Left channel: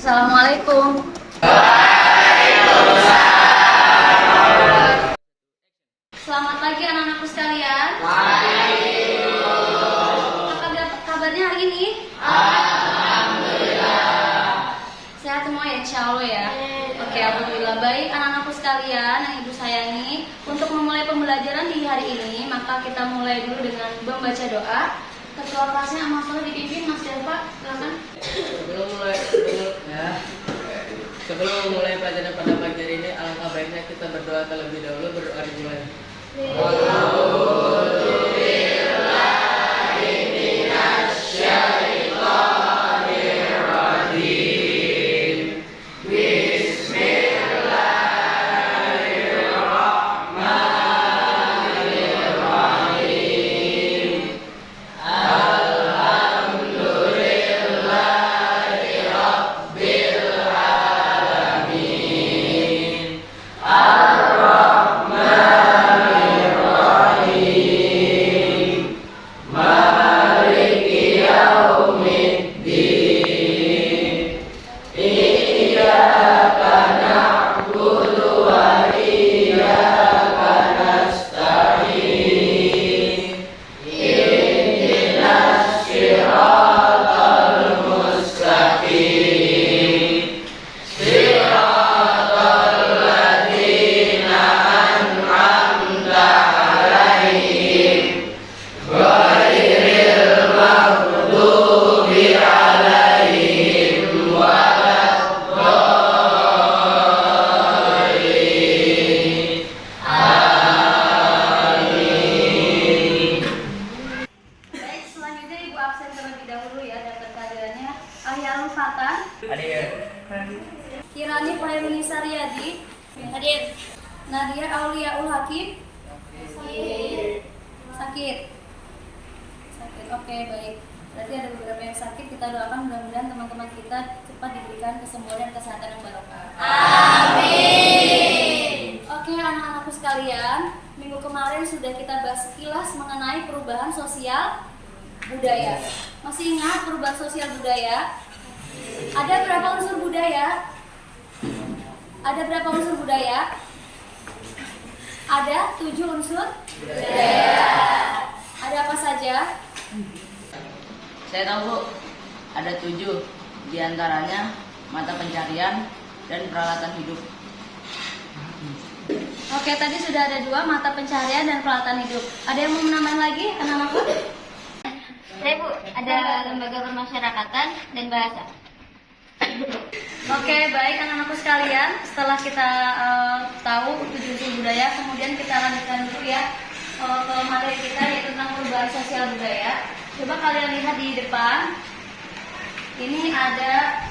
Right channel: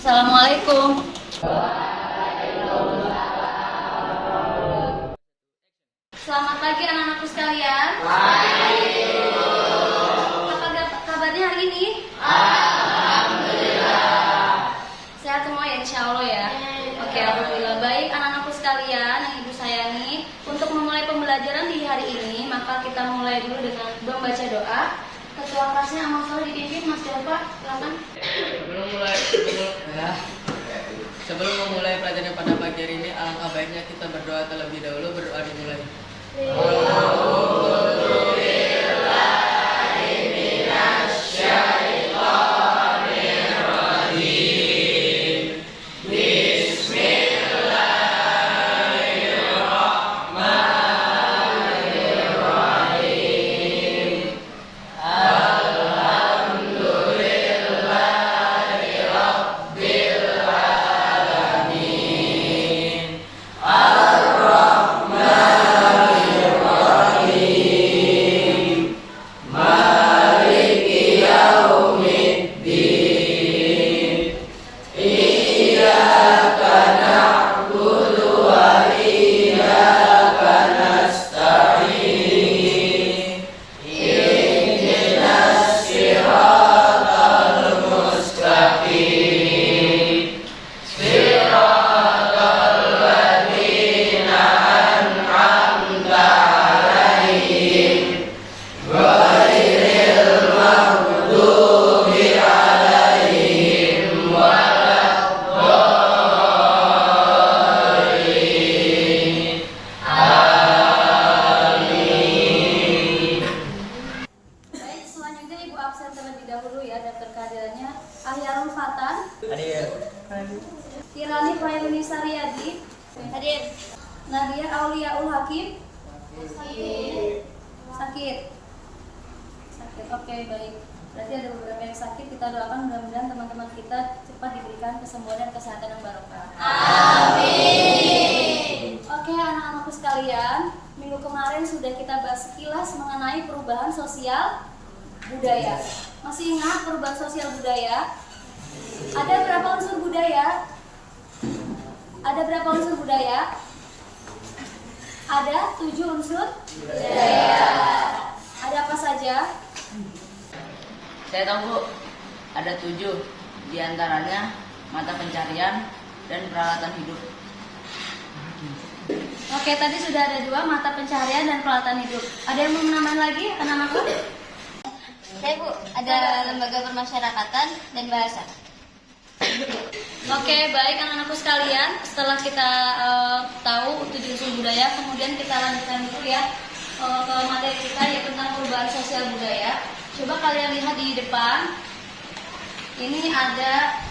Assalamualaikum. Selamat pagi anak-anakku sekalian. Apa kabarnya hari ini? Alhamdulillah. Sehat semua ya, insya Allah ya. Oke, alhamdulillah. Baik anak-anakku sekalian yang ibu sayangi, untuk memulai pembelajaran di hari ini, maka kita mulai dulu dengan membaca doa. Ketua kelasnya Amal Soleh dipimpin, Mas Delva, silakan. Sebelum memulai pelajaran pada pagi hari ini, alangkah baiknya kita berdoa terlebih dahulu. Berdoa dimulai. Kirani Fairuni Saryadi. Hadir. Nadia Auliaul Hakim. Sakit. Oke, baik. Berarti ada beberapa yang sakit. Kita doakan mudah-mudahan teman-teman kita cepat diberikan kesembuhan dan kesehatan yang barokah. Amin. Oke, anak-anakku sekalian, minggu kemarin sudah kita bahas sekilas mengenai perubahan sosial budaya. Masih ingat perubahan sosial budaya? Ada berapa unsur budaya? Ada berapa unsur budaya? Ada 7 unsur budaya. Ada apa saja? Saya tahu Bu, ada 7. Di antaranya mata pencarian dan peralatan hidup. Oke, tadi sudah ada 2, mata pencarian dan peralatan hidup. Ada yang mau menambah lagi, anak-anakku? Saya Bu, ada lembaga permasyarakatan dan bahasa. Oke, baik anak-anakku sekalian. Setelah kita tahu 7 unsur budaya, kemudian kita lanjutkan dulu ya ke materi kita, yaitu tentang perubahan sosial budaya. Coba kalian lihat di depan. Ini ada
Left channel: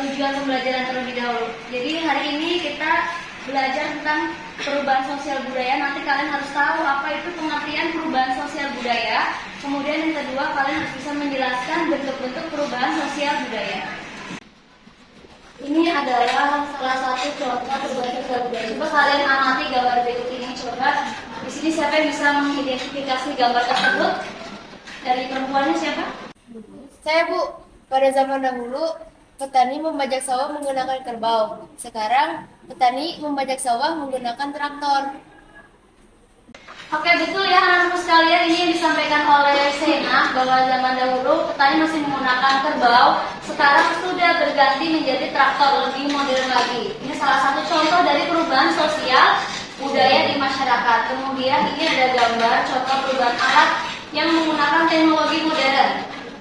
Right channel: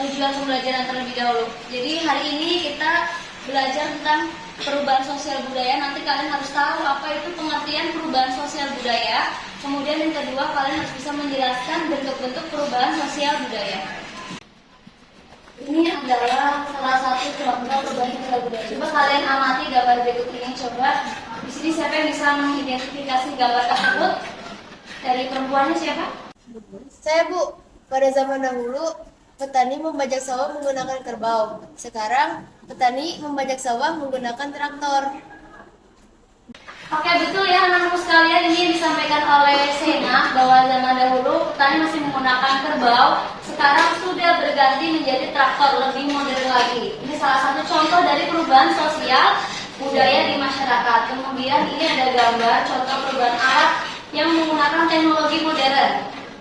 tujuan pembelajaran terlebih dahulu. Jadi hari ini kita belajar tentang perubahan sosial budaya. Nanti kalian harus tahu apa itu pengertian perubahan sosial budaya. Kemudian yang kedua, kalian harus bisa menjelaskan bentuk-bentuk perubahan sosial budaya. Ini adalah salah satu contoh perubahan sosial budaya. Coba kalian amati gambar berikut ini. Coba di sini siapa yang bisa mengidentifikasi gambar tersebut? Dari perempuannya siapa? Saya Bu. Pada zaman dahulu petani membajak sawah menggunakan kerbau. Sekarang petani membajak sawah menggunakan traktor. Oke, betul ya anak-anakku sekalian, ini yang disampaikan oleh Sena bahwa zaman dahulu petani masih menggunakan kerbau, sekarang sudah berganti menjadi traktor, lebih modern lagi. Ini salah satu contoh dari perubahan sosial budaya di masyarakat. Kemudian ini ada gambar contoh perubahan alat yang menggunakan teknologi modern.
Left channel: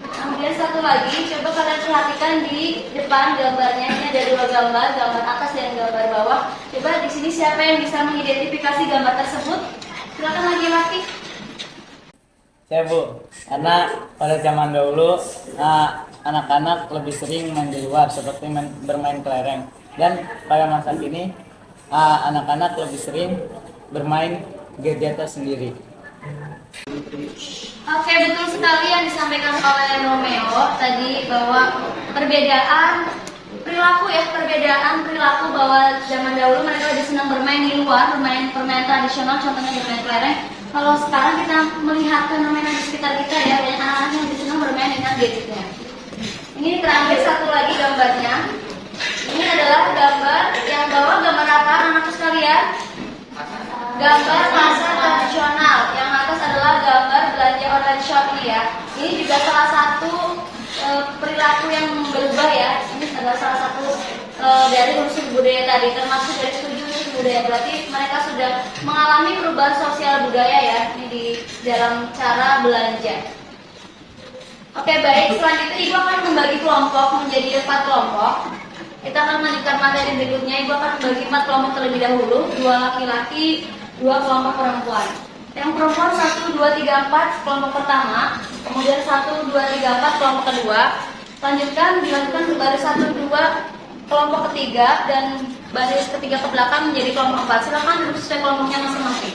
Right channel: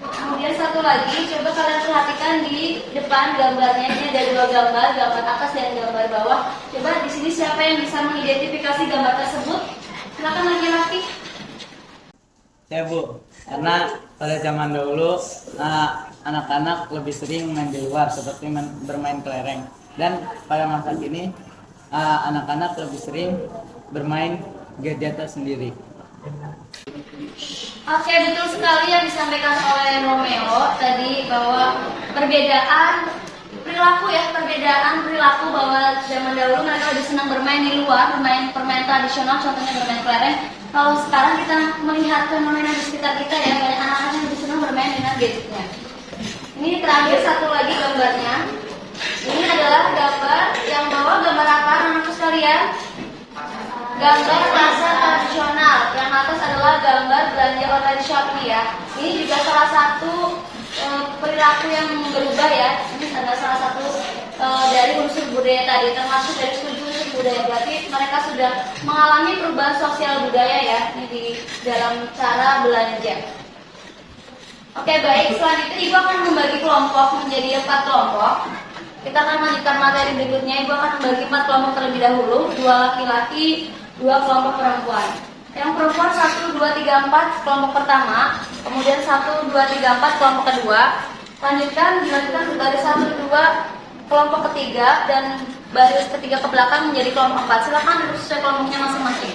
Kemudian satu lagi, coba kalian perhatikan di depan gambarnya. Ini ada 2 gambar, gambar atas dan gambar bawah. Coba di sini siapa yang bisa mengidentifikasi gambar tersebut? Silakan laki-laki. Saya Bu, karena pada zaman dahulu anak-anak lebih sering main di luar seperti bermain kelereng. Dan pada masa kini anak-anak lebih sering bermain gadget sendiri. Oke, betul sekali yang disampaikan oleh Romeo tadi bahwa perbedaan perilaku bahwa zaman dahulu mereka lebih senang bermain di luar, bermain permainan tradisional, contohnya bermain kelereng. Kalau sekarang kita melihat fenomena di sekitar kita ya, banyak anak-anak yang lebih senang bermain dengan gadgetnya. Ini terakhir satu lagi gambarnya. Ini adalah gambar yang bawa gambar apa anak-anak sekalian? Gambar pasar tradisional. Yang atas adalah gambar belanja online Shopee ya. Ini juga salah satu perilaku yang berubah ya. Ini adalah salah satu dari unsur budaya tadi, termasuk dari studi unsur budaya. Berarti mereka sudah mengalami perubahan sosial budaya ya ini di dalam cara belanja. Oke baik, selanjutnya Ibu akan membagi kelompok menjadi 4 kelompok. Kita akan melanjutkan materi berikutnya. Ibu akan membagi 4 kelompok terlebih dahulu, 2 laki-laki, 2 kelompok perempuan. Yang perempuan 1, 2, 3, 4 kelompok pertama, kemudian 1, 2, 3, 4 kelompok kedua. Lanjutkan dilanjutkan ke baris 1, 2 kelompok ketiga dan baris ketiga ke belakang menjadi kelompok 4. Silakan duduk sesuai kelompoknya masing-masing.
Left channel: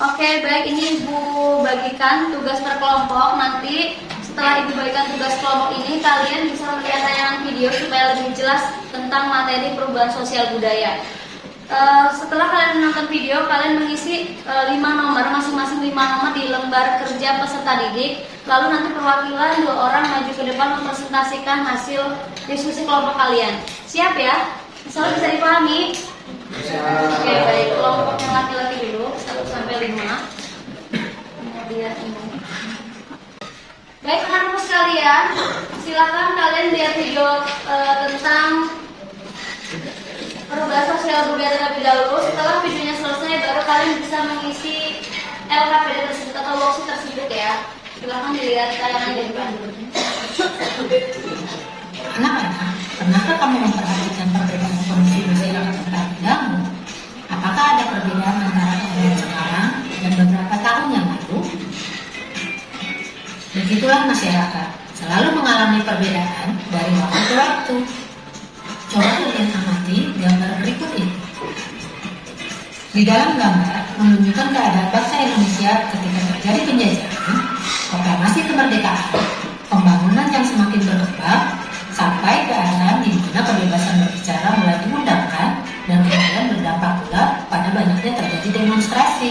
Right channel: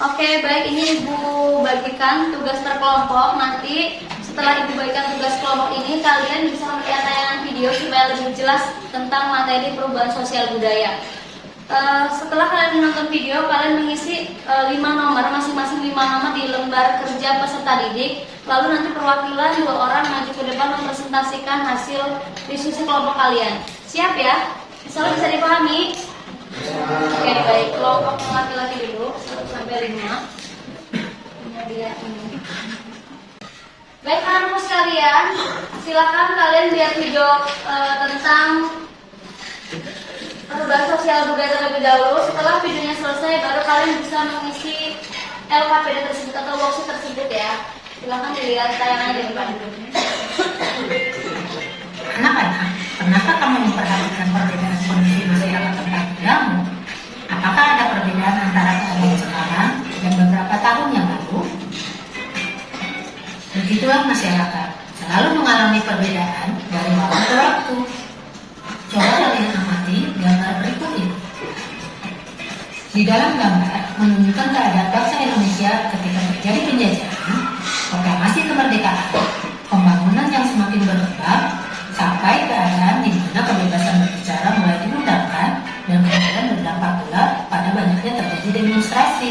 Oke, baik, ini Ibu bagikan tugas per kelompok. Nanti setelah Ibu bagikan tugas kelompok ini, kalian bisa melihat tayangan video supaya lebih jelas tentang materi perubahan sosial budaya. Setelah kalian menonton video, kalian mengisi 5 nomor, masing-masing 5 nomor di lembar kerja peserta didik. Lalu nanti perwakilan 2 orang maju ke depan mempresentasikan hasil diskusi kelompok kalian. Siap ya? Insyaallah bisa dipahami? Oke, baik. Kelompok yang laki-laki dulu 1 sampai 5. Kemudian ini. Baik anak-anak sekalian, silakan kalian lihat video tentang perubahan sosial budaya terlebih dahulu. Setelah videonya selesai, baru kalian bisa mengisi LKPD tersebut atau worksheet tersebut ya. Silakan dilihat tayangan di depan. Anak-anak, pernahkah kamu memperhatikan perbedaan kondisi masyarakat tempat tinggalmu? Apakah ada perbedaan antara keadaan sekarang dan beberapa tahun yang lalu? Begitulah masyarakat, selalu mengalami perbedaan dari waktu ke waktu. Coba kalian amati gambar berikut ini. Di dalam gambar menunjukkan keadaan bangsa Indonesia ketika terjadi penjajahan, proklamasi kemerdekaan, pembangunan yang semakin berkembang, sampai keadaan di mana kebebasan berbicara mulai diundangkan dan kemudian berdampak pula pada banyaknya terjadi demonstrasi.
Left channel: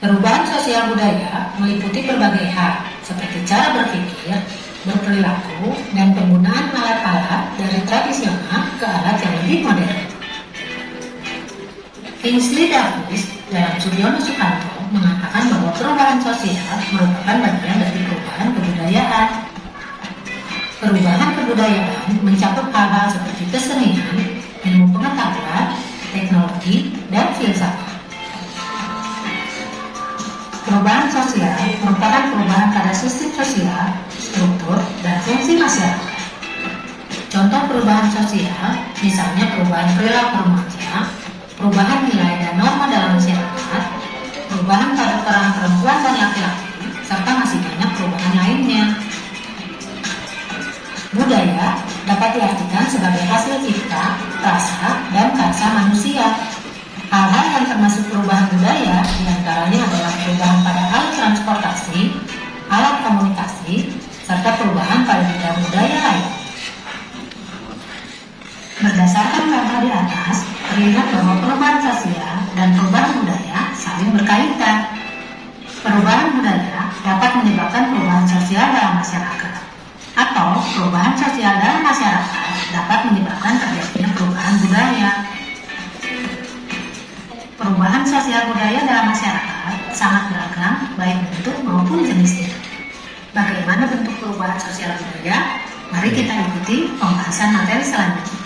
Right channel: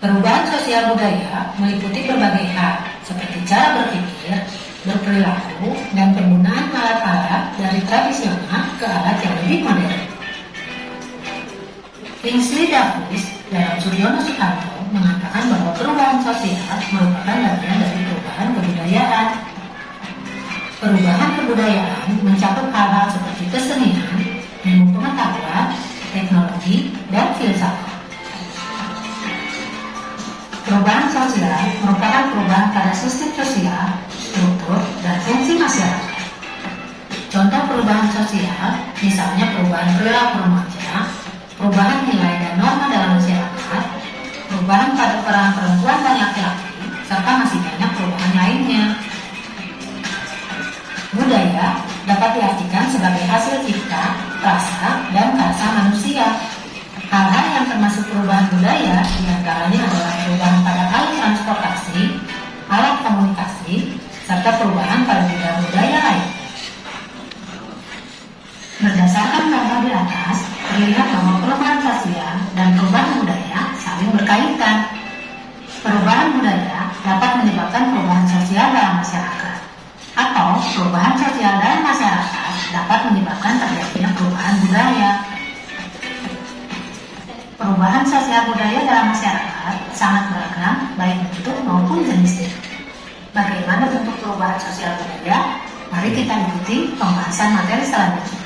Perubahan sosial budaya meliputi berbagai hal seperti cara berpikir, berperilaku, dan penggunaan alat-alat dari tradisional ke alat yang lebih modern. Kingsley Davis dalam Suryono Sukanto mengatakan bahwa perubahan sosial merupakan bagian dari perubahan kebudayaan. Perubahan kebudayaan mencakup hal-hal seperti kesenian, ilmu pengetahuan, teknologi, dan filsafat. Perubahan sosial merupakan perubahan pada sistem sosial, struktur, dan fungsi masyarakat. Contoh perubahan sosial, misalnya perubahan perilaku remaja, perubahan nilai dan norma dalam masyarakat, perubahan pada peran perempuan dan laki-laki, serta masih banyak perubahan lainnya. Budaya dapat diartikan sebagai hasil cipta, rasa, dan karsa manusia. Hal-hal yang termasuk perubahan budaya diantaranya adalah perubahan pada alat transportasi, alat komunikasi, serta perubahan pada bidang budaya lain. Berdasarkan gambar di atas, terlihat bahwa perubahan sosial dan perubahan budaya saling berkaitan. Perubahan budaya dapat menyebabkan perubahan sosial dalam masyarakat, atau perubahan sosial dalam masyarakat dapat menyebabkan terjadinya perubahan budaya. Perubahan sosial budaya dalam masyarakat sangat beragam, baik bentuk maupun jenisnya. Bagaimana bentuk perubahan sosial budaya? Mari kita ikuti pembahasan materi selanjutnya.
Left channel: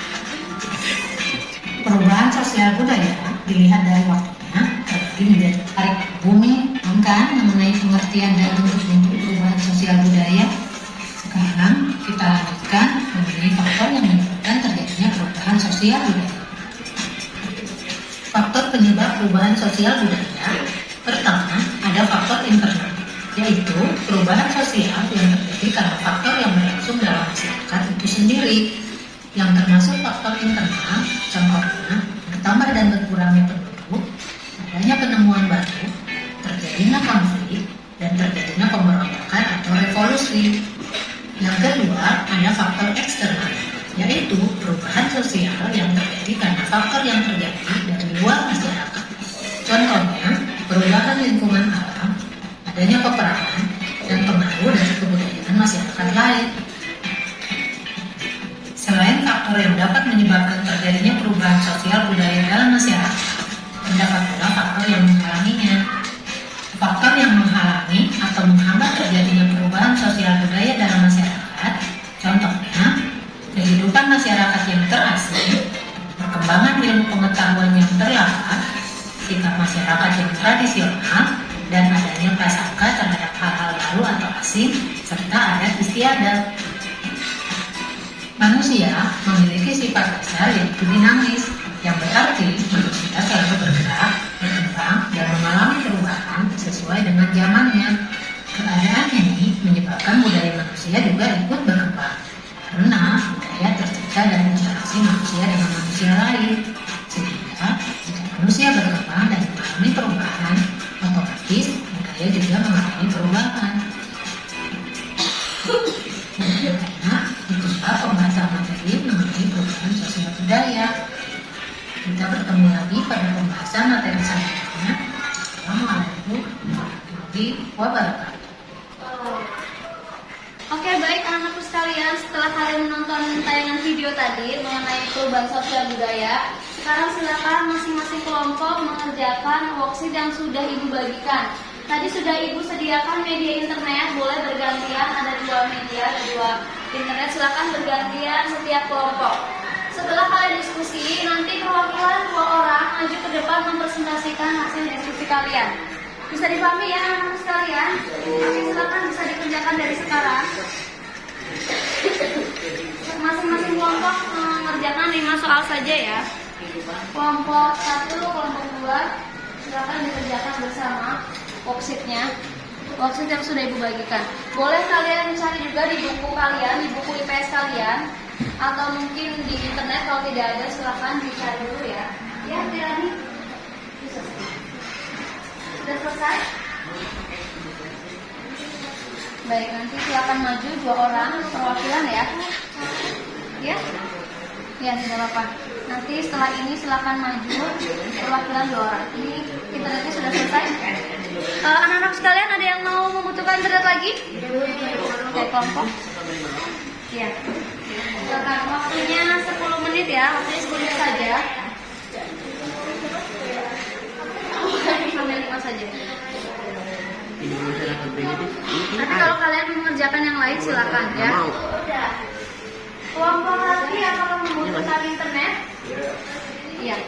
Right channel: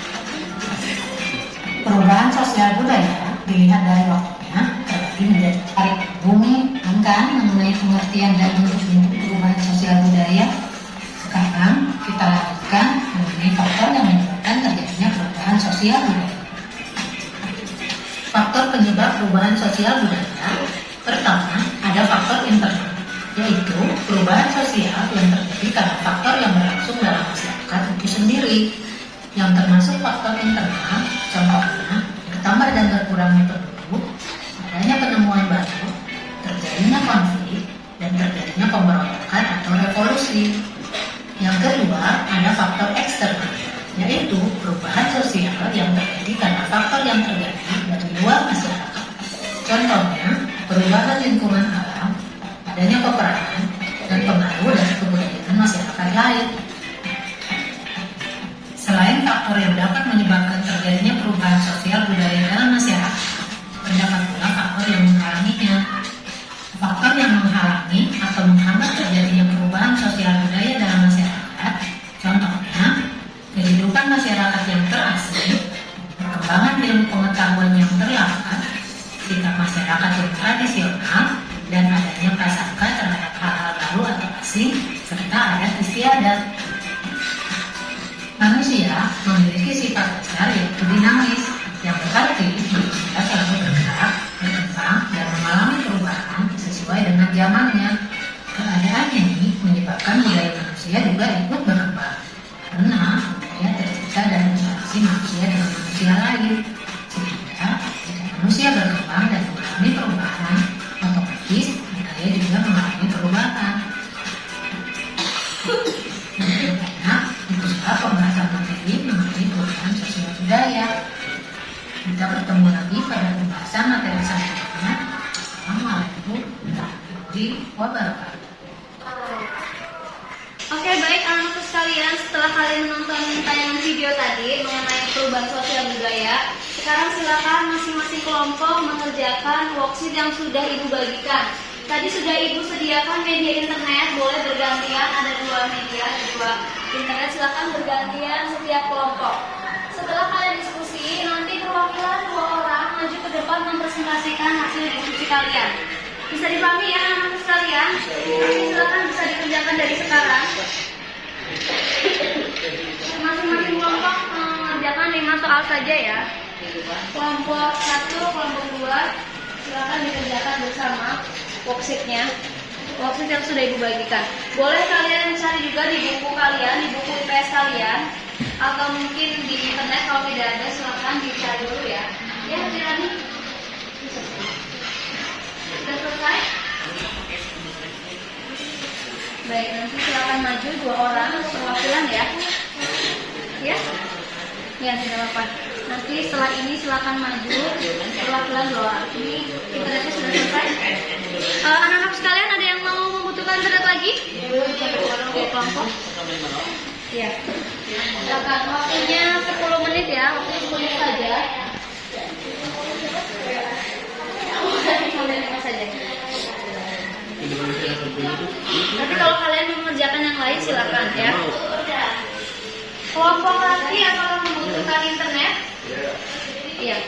Perubahan sosial budaya dilihat dari waktunya terbagi menjadi tarik bumi, bukan mengenai pengertian dan bentuk-bentuk perubahan sosial budaya. Sekarang kita lanjutkan mengenai faktor yang menyebabkan terjadinya perubahan sosial budaya. Faktor penyebab perubahan sosial budaya. Pertama, ada faktor internal, yaitu perubahan sosial yang terjadi karena faktor yang berlangsung dalam masyarakat itu sendiri. Yang termasuk faktor internal, contohnya bertambah dan berkurangnya penduduk, adanya penemuan baru, terjadinya konflik, dan terjadinya pemberontakan atau revolusi. Yang kedua, ada faktor eksternal, yaitu perubahan sosial yang terjadi karena faktor yang terjadi dari luar masyarakat. Contohnya, perubahan lingkungan alam, adanya peperangan, dan pengaruh dari kebudayaan terkait. Selain faktor yang dapat menyebabkan terjadinya perubahan sosial budaya dalam masyarakat, terdapat pula faktor yang menghalanginya. Faktor yang menghalangi atau menghambat terjadinya perubahan sosial budaya dalam masyarakat, contohnya kehidupan masyarakat yang terasing, perkembangan ilmu pengetahuan yang terlambat, sikap masyarakat yang tradisional, dan adanya prasangka terhadap hal-hal baru atau asing, serta adat istiadat. Manusia memiliki sifat dasar yaitu dinamis, yang berarti manusia selalu bergerak, berkembang, dan mengalami perubahan sesuai dengan zamannya. Keadaan ini menyebabkan budaya manusia juga ikut berkembang, karena budaya tercipta dari interaksi manusia dengan manusia lain. Sehingga jika manusia berkembang dan mengalami perubahan, otomatis budaya juga mengalami perubahan. Karena itulah pembahasan materi mengenai perubahan sosial budaya. Kita bertemu lagi pada pembahasan materi selanjutnya. Assalamualaikum warahmatullahi wabarakatuh. Oke, baik anak-anakku sekalian, setelah kalian menonton tayangan video tadi mengenai perubahan sosial budaya, sekarang silakan masing-masing kelompok mengerjakan worksheet yang sudah ibu bagikan. Tadi sudah ibu sediakan media internet, boleh bergantian, ada 2 media, ada 2 internet, silakan bergantian setiap kelompok. Setelah kalian diskusi, nanti perwakilan 2 orang maju ke depan mempresentasikan hasil diskusi kalian. Bisa dipahami ya anak-anak sekalian? Silakan bisa dikerjakan dari sekarang. Masing-masing kelompok mengerjakan 5 soal saja ya. Kelompok 1, kelompok 2, silakan dikerjakan bersama worksheetnya. Worksheet yang sudah ibu bagikan. Boleh kalian cari juga di buku kalian, di buku IPS kalian, atau mungkin di internet. Kalau tidak ada silakan dicari dulu ya. Ya, Tirani. Sudah selesai? Baik, nanti silakan maju 2 orang perwakilan ya. Ya? Ya, tidak apa-apa. Nanti setelah ini silakan maju perwakilan 2 orang. Ini internetnya sudah selesai. Anak-anak sekalian ada yang mau membutuhkan internet lagi? Oke, kelompok. Iya. Silakan, waktunya 10 menit ya, waktunya 10 menit saja. Sampai 5 saja. Tapi kalau kalian mengerjakan yang lain silakan ya. Kelompok lagi apakah membutuhkan internet? Iya.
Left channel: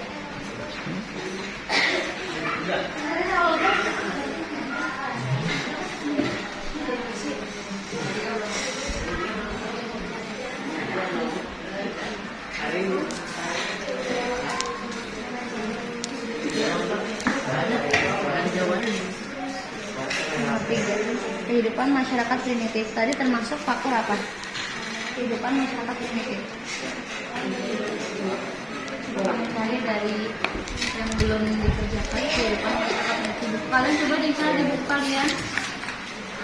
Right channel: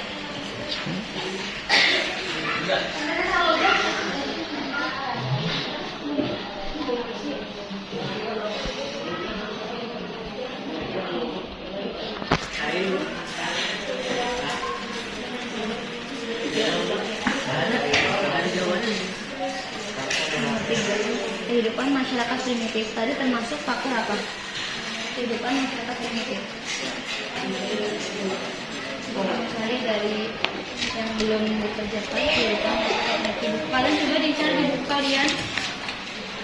Kehidupan masyarakat primitif tadi termasuk faktor apa? Kehidupan masyarakat primitif. Mencari dari yang belum dikerjakan kehidupan masyarakat primitif. Kalian coba dicari di buku kalian.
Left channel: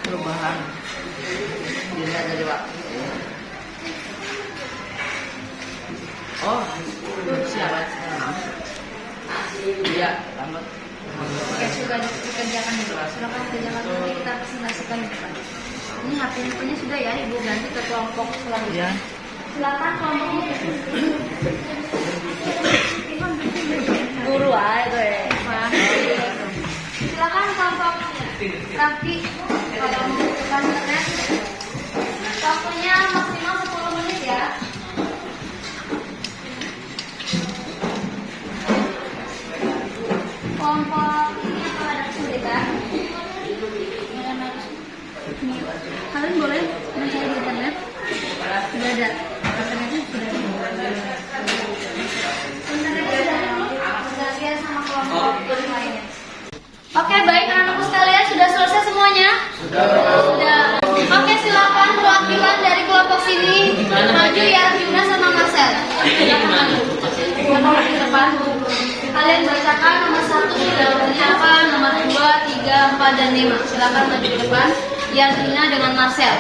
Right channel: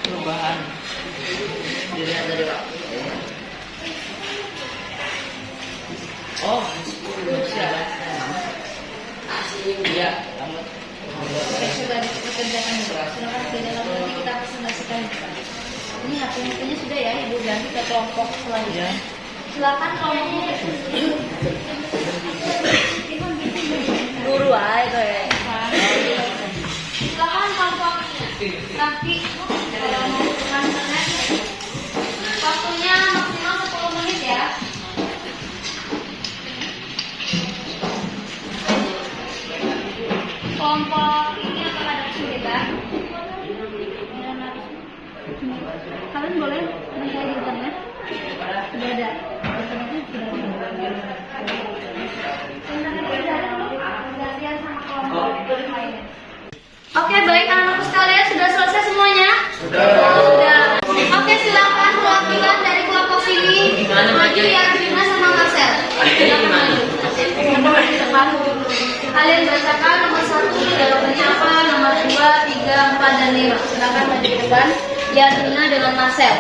Perubahan dilihat dari Pak. Oh, siapa? Iya. Oke, sudah dikerjakan juga. Silakan dikerjakan nanti kita presentasikan. Ini HP-nya sudah ya, ibu ganti ke kelompok selanjutnya. Silakan kelompoknya. Guru aja deh. Silakan kelompok Raffi kalau mau bukan internet. Waktunya maksimal 10 menit ya. Kelompok ini apakah ada kesulitan? Kalian boleh mencari di internet. Sudah ada. Internetnya sudah ada. Internetnya sudah ada belum? Bergantian sama kelompok lainnya. Oke, baik anak-anakku sekalian, sudah selesai semuanya? Sudah. Oke, silakan perwakilan dari kelompok sini maju ya, Juna sama Marcel. Di depan. Kalian bacakan nomor 1 jawabannya apa, nomor 2, 3, 4, dan 5. Silakan maju di depan. Yasmina dengan Marcel.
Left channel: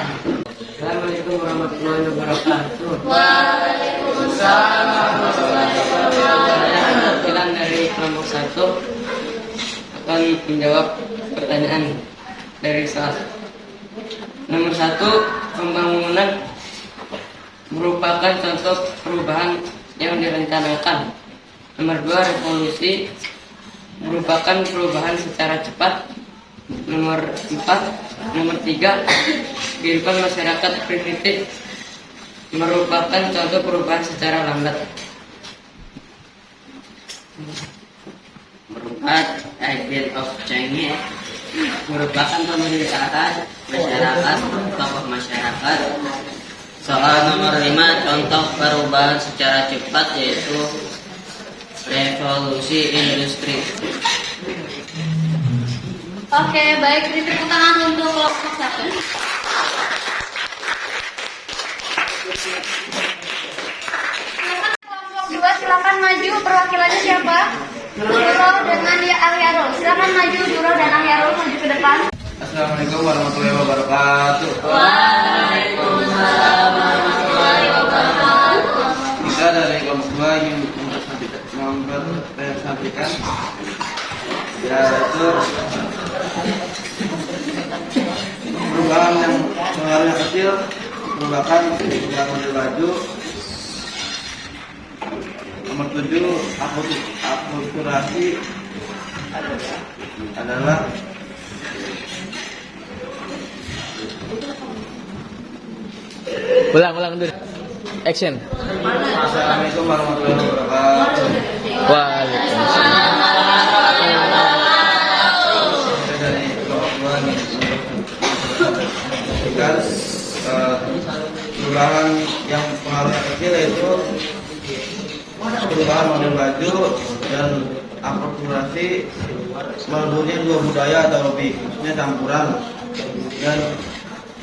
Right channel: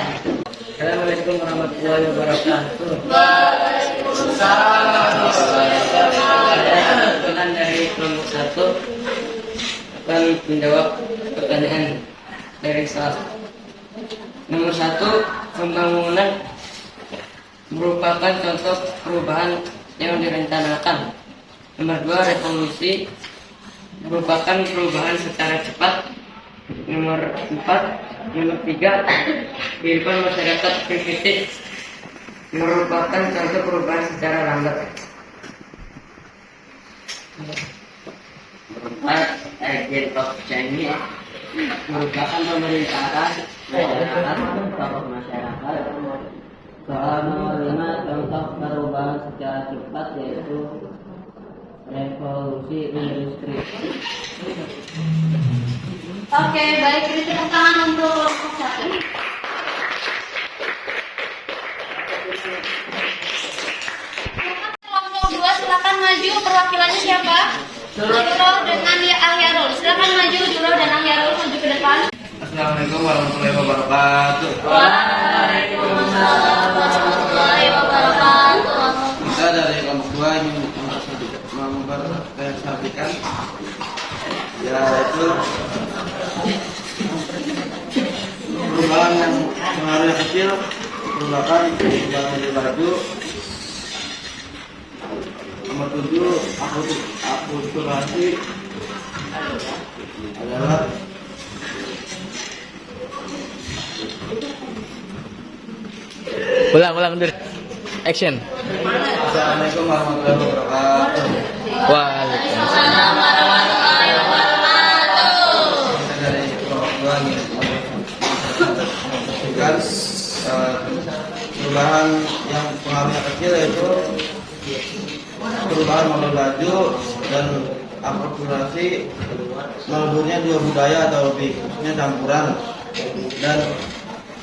Assalamualaikum warahmatullahi wabarakatuh. Waalaikumsalam. Saya perwakilan dari kelompok 1 akan menjawab pertanyaan dari soal nomor 1. Pembangunan merupakan contoh perubahan yang direncanakan. Nomor 2, revolusi merupakan perubahan secara cepat. Nomor 3, kehidupan masyarakat primitif merupakan contoh perubahan secara lambat. Nomor 4, agent of change merupakan pemerintahan masyarakat, tokoh masyarakat. Soal nomor 5, contoh perubahan secara cepat yaitu revolusi industri. Oke, baik, beri tepuk tangan untuk kelompok 1. Kelompok 2, silakan maju. Perwakilannya siapa? Duro dan Ahyarul. Silakan maju, Duro dan Ahyarul, maju ke depan. Assalamualaikum warahmatullahi wabarakatuh. Waalaikumsalam warahmatullahi wabarakatuh. Kita dari kelompok 2 ingin mempresentasikan yaitu perubahan yang pengaruhnya kecil merupakan perubahan model baju. Nomor 7, akulturasi adalah Ulang dulu. Action. Assalamualaikum warahmatullahi wabarakatuh. Waalaikumsalam. Kita dari kelompok 2 ingin mempresentasikan perubahan yang pengaruhnya kecil yaitu perubahan model baju dan akulturasi meleburnya dua budaya atau lebih, maksudnya campuran, dan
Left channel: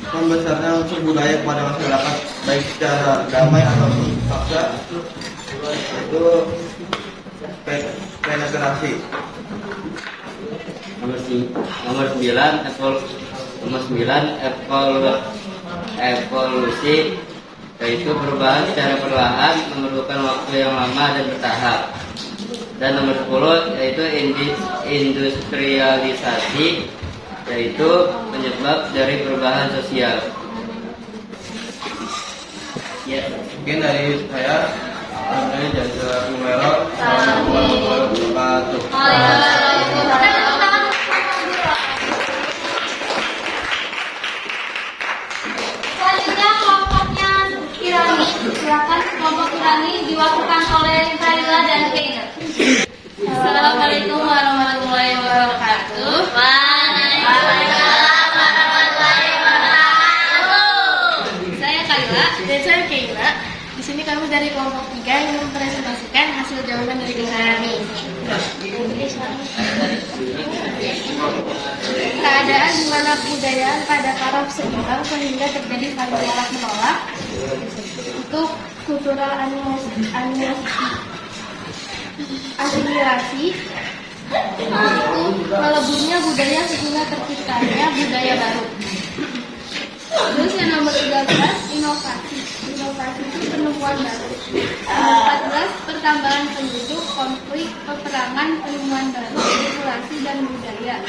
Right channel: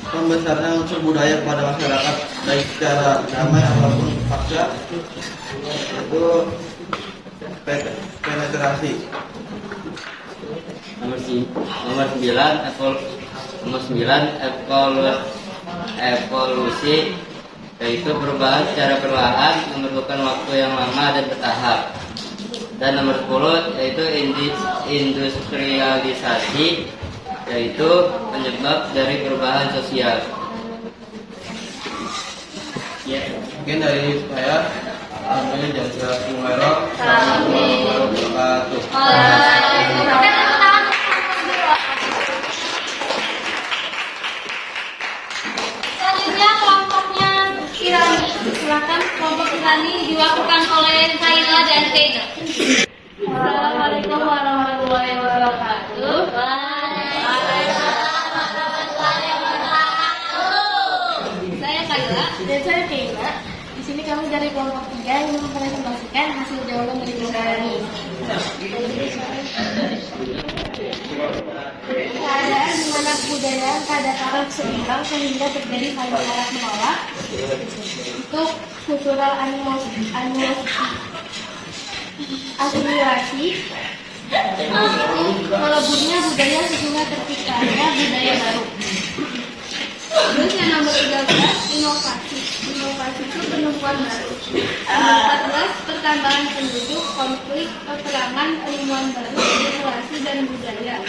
membesarnya unsur budaya kepada masyarakat baik secara damai ataupun paksa, itu penetrasi. Nomor 9, evolusi yaitu perubahan secara perlahan memerlukan waktu yang lama dan bertahap. Dan nomor 10 yaitu industrialisasi yaitu penyebab dari perubahan sosial. Ya. Mungkin dari saya, namanya Jasa Kumero. Assalamualaikum warahmatullahi wabarakatuh. Selanjutnya kelompoknya Kirani. Silakan kelompok Kirani diwakilkan oleh Kaila dan Keina. Assalamualaikum warahmatullahi wabarakatuh. Saya Kaila dan saya Keina. Di sini kami dari kelompok 3 yang mempresentasikan hasil jawaban dari Kirani. Keadaan di mana kebudayaan pada taraf seimbang sehingga terjadi saling tolak menolak untuk kultural asimilasi itu meleburnya budaya sehingga terciptanya budaya baru. Terus yang nomor 13, inovasi itu penemuan baru. Nomor 14, pertambahan penduduk, konflik, peperangan, penemuan baru, populasi dan budaya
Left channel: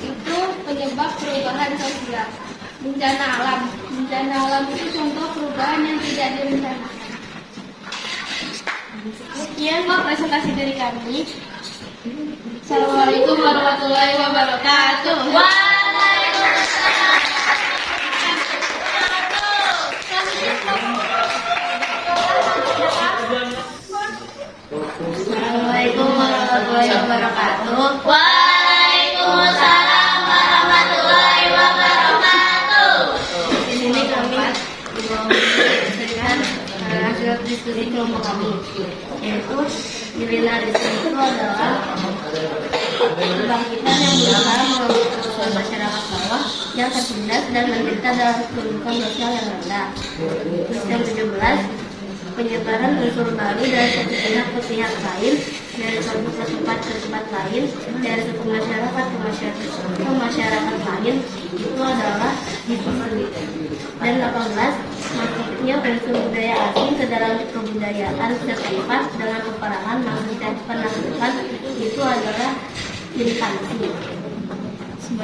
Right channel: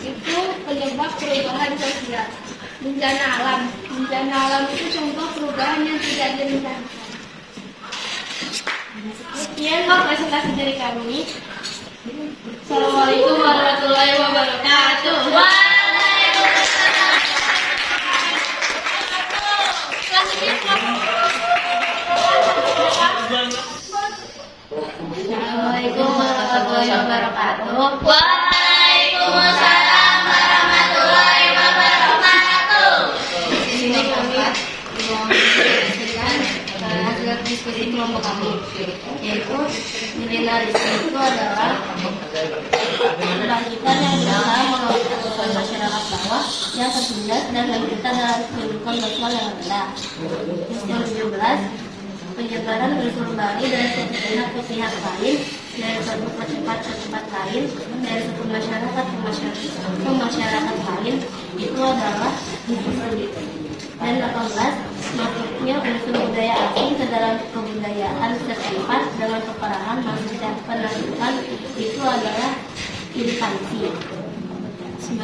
itu penyebab perubahan sosial. Bencana alam itu contoh perubahan yang tidak direncanakan. Sekian presentasi dari kami. Assalamualaikum warahmatullahi wabarakatuh. Assalamualaikum warahmatullahi wabarakatuh. Waalaikumsalam warahmatullahi wabarakatuh. Di sini kami mempresentasikan hasil diskusi kelompok kami, yaitu milenialisme itu adalah kebangkitan yang berusaha melakukan masyarakat bawah yang tertindas dan menderita dalam kedudukan sosial yang rendah. Terus yang 17, penyebaran unsur baru dari satu pihak ke pihak lain, dari satu tempat ke tempat lain, dari satu masyarakat ke masyarakat lain, itu adalah difusi. Dan 18, masuknya unsur budaya asing ke dalam kebudayaan setempat dengan peperangan maksudnya penaklukan, itu adalah invasi. 19,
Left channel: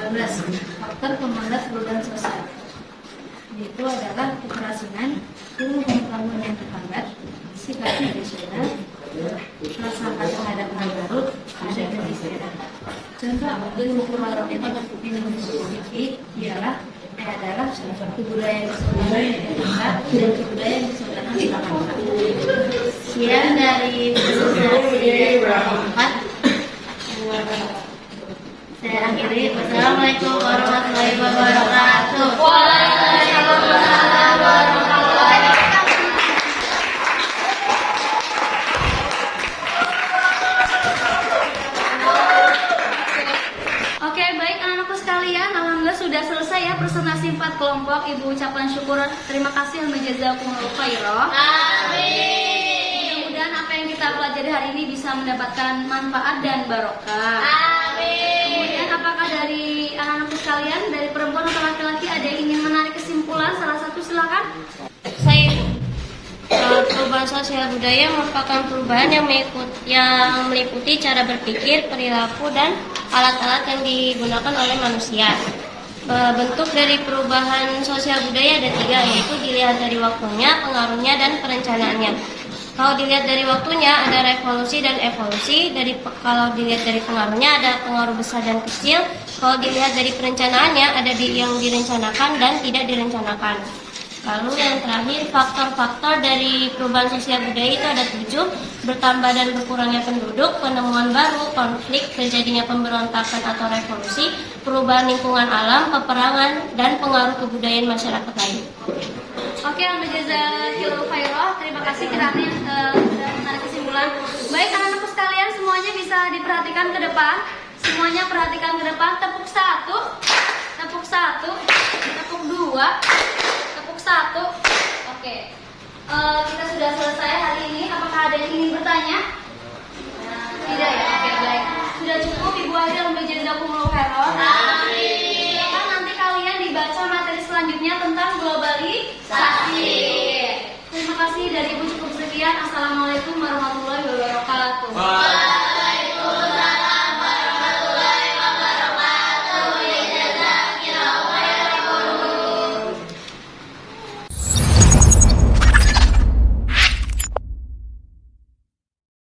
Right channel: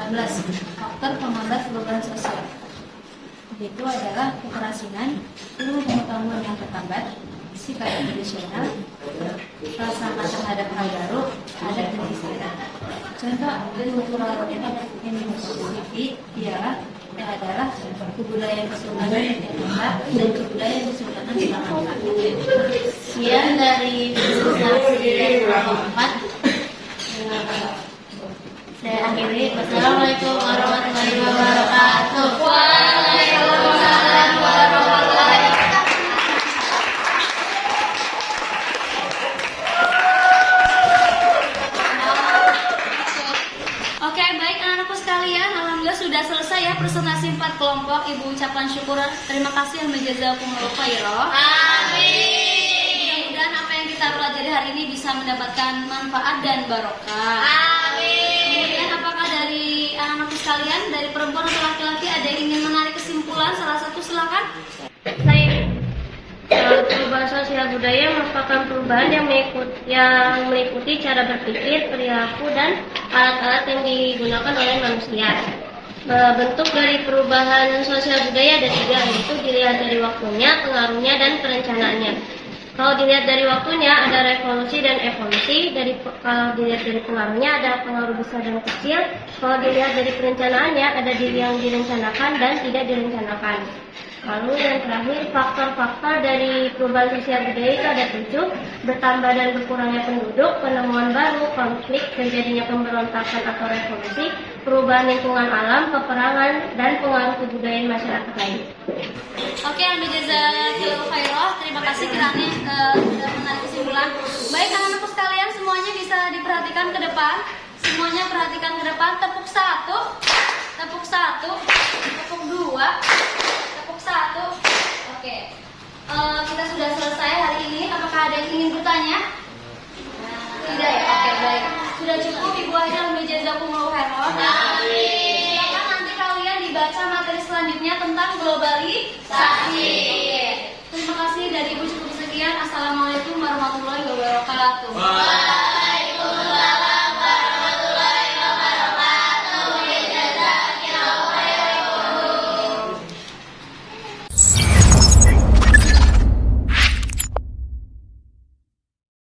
faktor pemangkat perubahan sosial. yaitu adalah keterasinan, ilmu pengetahuan yang terhambat, sikap tradisional, prasangka terhadap hal baru, adat dan istiadat. Contoh ilmu University adalah kebudayaan Kesultanan Yogyakarta dan kebudayaan Kesultanan Surakarta. Sekian dari presentasi kelompok 4. Saya akhiri. Wassalamualaikum warahmatullahi wabarakatuh. Waalaikumsalam warahmatullahi wabarakatuh. Oke, baik anak-anakku sekalian, alhamdulillah sudah selesai ya presentasi 4 kelompok. Ibu ucapkan syukur, terima kasih dan jazakumullahu khairan. Amin. Mudah-mudahan apa yang kita pelajari hari ini bisa mendapatkan manfaat dan barokah. Amin. Kemudian apakah dari anak-anakku sekalian, dari perempuan atau laki-laki ada yang ingin menarik kesimpulan? Salah satu silakan. Perubahan sosial budaya merupakan perubahan yang meliputi cara berpikir, perilaku, dan alat-alat yang digunakan oleh manusia. Bentuk dari perubahan sosial budaya ada 3, yaitu dilihat dari waktunya, pengaruhnya, dan perencanaannya. Kalau dilihat dari waktunya ada revolusi dan evolusi. Kalau dilihat dari pengaruhnya ada pengaruh besar dan kecil. Kalau dilihat dari perencanaannya ada yang direncanakan dan tidak direncanakan. Lalu yang terakhir, faktor-faktor dari perubahan sosial budaya itu ada 7. Bertambah dan berkurangnya penduduk, penemuan baru, konflik, terjadinya pemberontakan atau revolusi, perubahan lingkungan alam, peperangan, dan pengaruh kebudayaan masyarakat lain. Oke, jazakallahu khairan. Terima kasih kiranya sudah menarik kesimpulan. Baik anak-anakku sekalian, semuanya bisa diperhatikan ke depan. Semuanya perhatikan ke depan. Tepuk 1, tepuk 1, tepuk 2, tepuk 1. Oke, kita sudah selesai hari ini. Apakah ada yang ingin bertanya? Tidak ya? Oke, baik. Sudah cukup Ibu Aida, jazakumullahu khairan. Silakan nanti kalian dibaca materi selanjutnya tentang globalisasi. Oke. Terima kasih dari Ibu, cukup sekian. Assalamualaikum warahmatullahi wabarakatuh.